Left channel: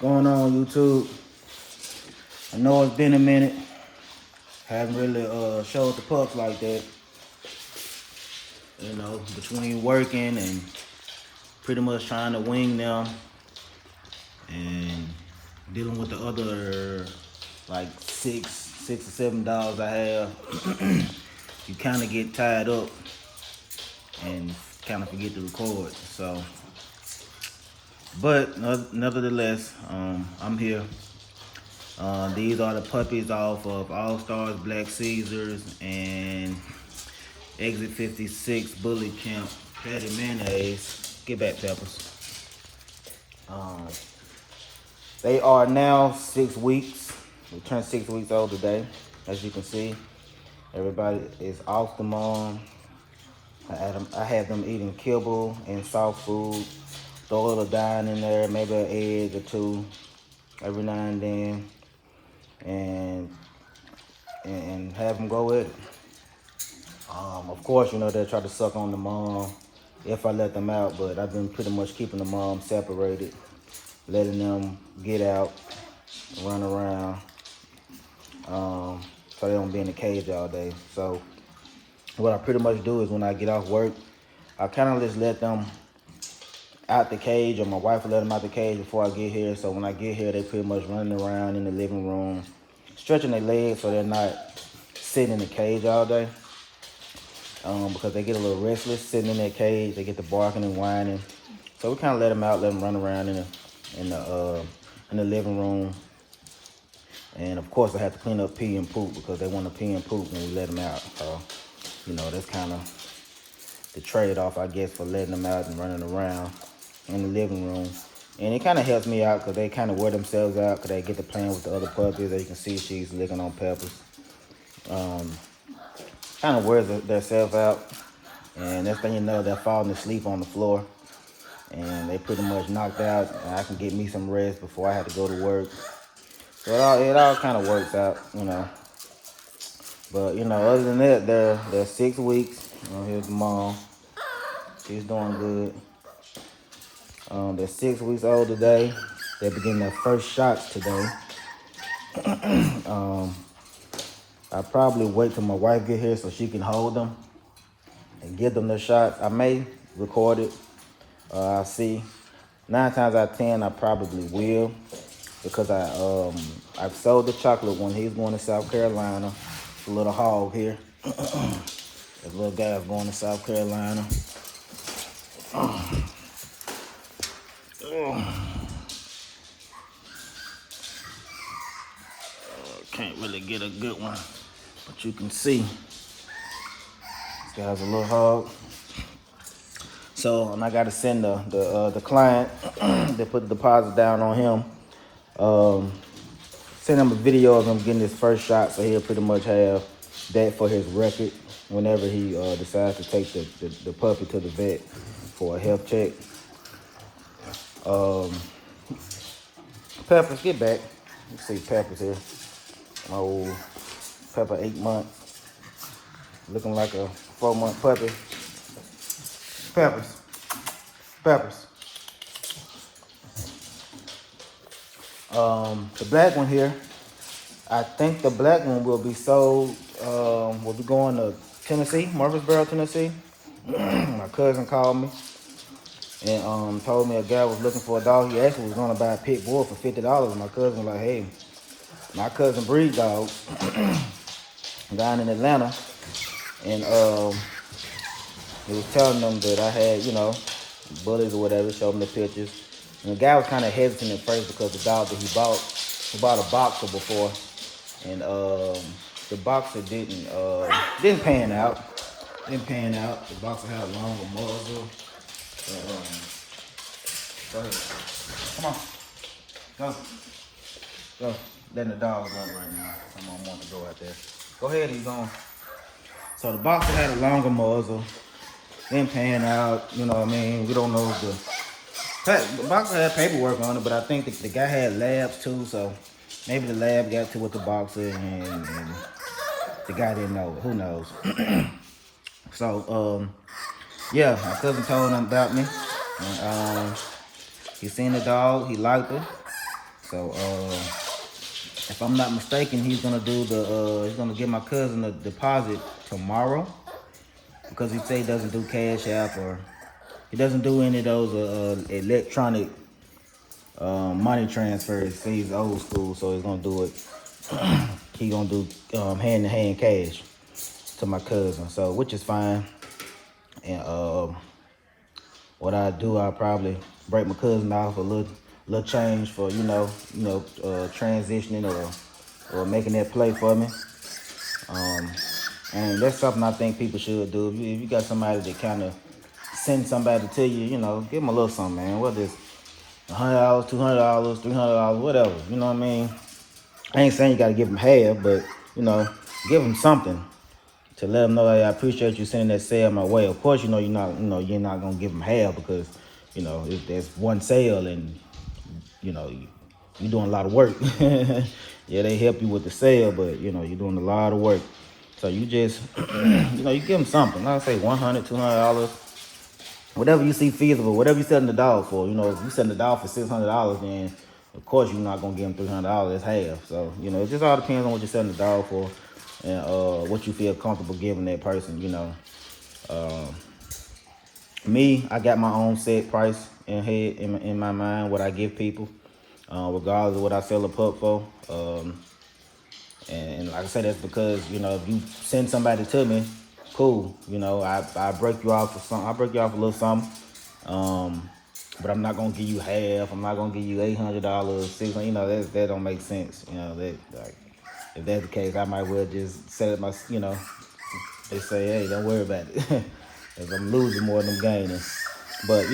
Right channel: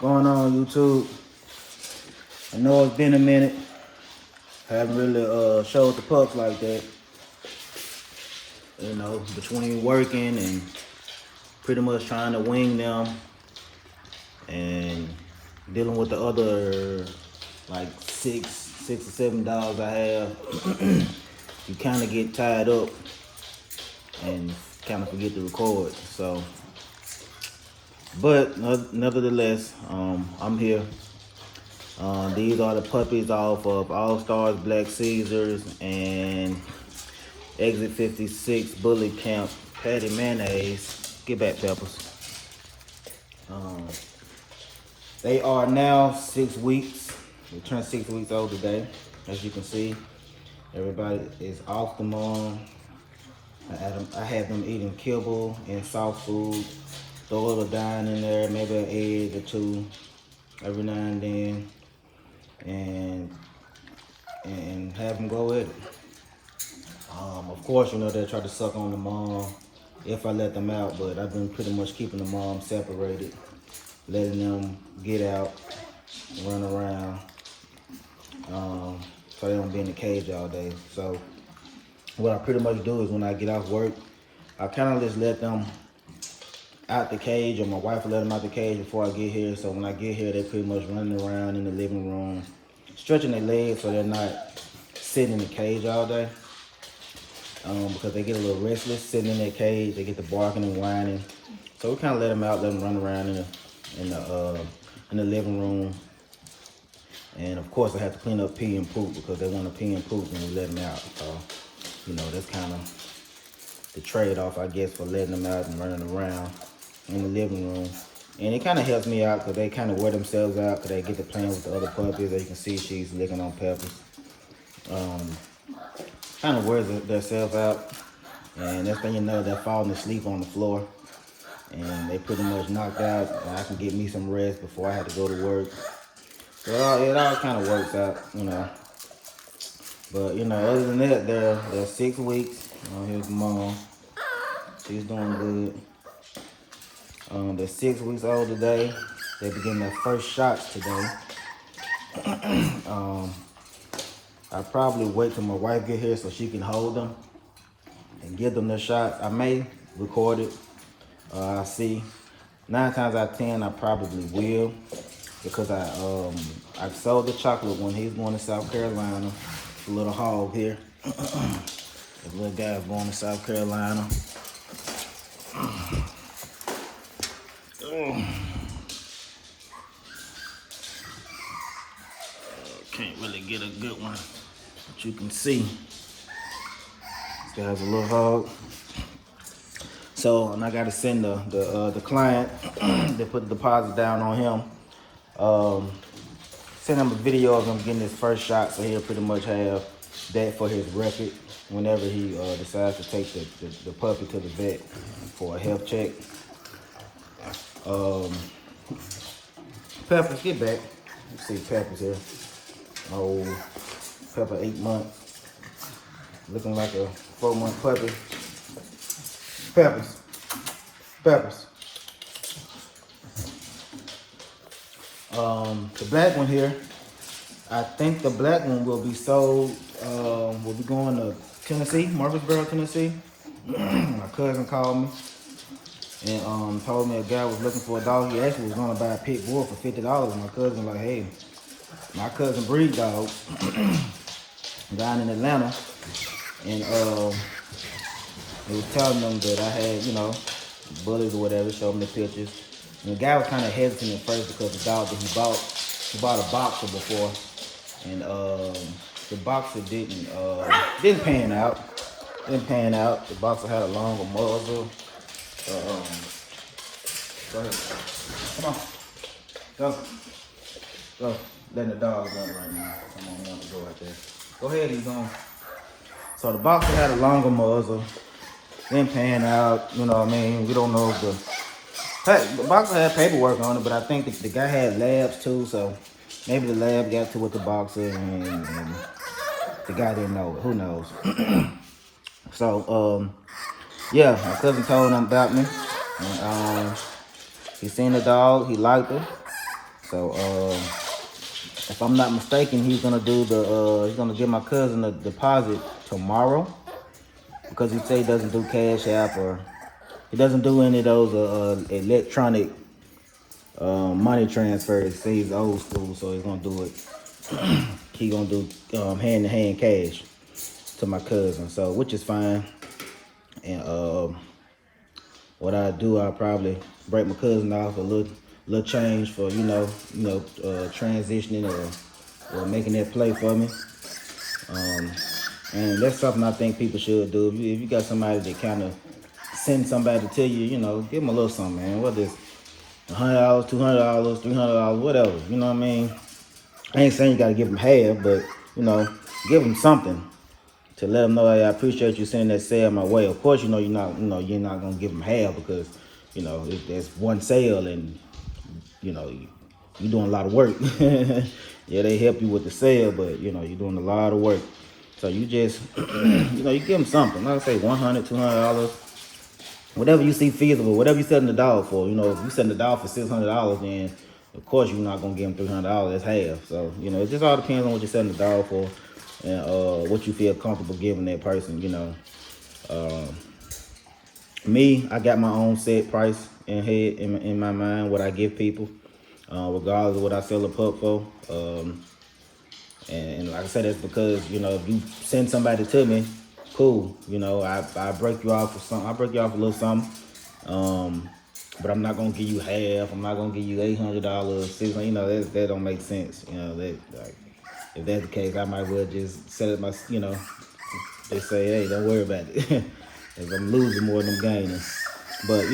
Going on YouTube? I know it's been a minute. Haven't really showed the pups like that. You know, between working and pretty much trying to wing them and dealing with the other like six or seven dogs I have, you kind of get tied up and kind of forget to record. So, but nevertheless, I'm here. These are the puppies off of All Stars Black Caesars and Exit 56 Bullet Camp Patty Mayonnaise. Get back, Peppers. They are now 6 weeks. They turned 6 weeks old today. As you can see, everybody is off the mom. I had them eating kibble and soft food. Throw a little dime in there, maybe an egg or two every now and then, and have them go with it. Of course, you know, they'll try to suck on the mom if I let them out, but I've been pretty much keeping the mom separated, letting them get out, run around, so they don't be in the cage all day. So what I pretty much do is when I get off work, I kind of just let them out the cage, or my wife will let them out the cage before I get here. So when I get here, they pretty much running around in the living room, stretching their legs so they're not sitting in the cage all day. Because they get a little restless sitting in their cage. They get to barking and whining. So we kind of let them out, let them run around in the living room. And of course, I have to clean up pee and poop because they want to pee and poop when we let them out. So, you know, that's kind of the trade-off, I guess, for letting them out and running around in the living room. And it kind of helps me out because they kind of wear themselves out because they get to playing with the other puppies. As you can see, she's licking on Peppers. Kind of wears themselves out. And next thing you know, they're falling asleep on the floor. And they pretty much knocked out. And I can get me some rest before I have to go to work. So it all kind of works out, you know. But, you know, other than that, they're 6 weeks. You know, here's mom. She's doing good. They're 6 weeks old today. They're getting their first shots today. I probably wait till my wife get here so she can hold them and give them the shot. I may record it. I see. 9 times out of 10, I probably will, because I sold the chocolate when he's going to South Carolina. A little hog here. The little guy's going to South Carolina. Can't really get a good one, but you can see this guy's a little hog. So, and I got to send the client to put the deposit down on him. Send him a video of him getting his first shot, so he'll pretty much have that for his record whenever he decides to take the puppy to the vet for a health check. Peppers, get back. Let's see Peppers here. Oh, Pepper 8 months, looking like a 4-month puppy. Peppers. The black one here, I think the black one will be sold. We'll be going to Tennessee, Murfreesboro, Tennessee. My cousin called me and told me a guy was looking for a dog. He actually was going to buy a pit bull for $50. My cousin was like, hey, my cousin breed dogs down in Atlanta, and he was telling them that I had, you know, bullies or whatever, showed them the pictures. And the guy was kind of hesitant at first because the dog that he bought a boxer before, and the boxer didn't pan out. The boxer had a longer muzzle. Go ahead. Come on. Go. Letting the dog run right now. I don't want to go out there. Go ahead, he's on. So the boxer had a longer muzzle. Didn't pan out, you know what I mean? We don't know the boxer had paperwork on it, but I think the guy had labs too, so maybe the lab got to with the boxer and the guy didn't know. Who knows? So, yeah, my cousin told him about me. And, he seen the dog, he liked her. So if I'm not mistaken, he's gonna do the he's gonna give my cousin a deposit tomorrow, because he say he doesn't do Cash App, or he doesn't do any of those electronic money transfers. Say he's old school, so he's gonna do it. He's gonna do hand-to-hand cash to my cousin, so which is fine. And what I do, I probably break my cousin off a little change for transitioning or making that play for me. And that's something I think people should do. If you got somebody that kind of send somebody to you, give them a little something, man. What is $100, $200, $300, whatever. You know what I mean? I ain't saying you gotta give them half, but give them something to let them know, hey, I appreciate you sending that sale my way. Of course, you're not gonna give them half, because that's one sale, and you're doing a lot of work. Yeah, they help you with the sale, but you're doing a lot of work. So you just you give them something. I'll say $100, $200, whatever you see feasible, whatever you setting the dog for. If you setting the dog for $600, then of course you're not gonna give them $300. That's half. So it just all depends on what you're setting the dog for, and what you feel comfortable giving that person. Me, I got my own set price in my mind, what I give people, regardless of what I sell a pup for. And like I said, that's because if you send somebody to me, cool. I break you off for something. I break you off a little something. But I'm not gonna give you half. I'm not gonna give you $800, $600. That don't make sense. If that's the case, I might well just set it my. They say, hey, don't worry about it. If I'm losing more than I'm gaining. But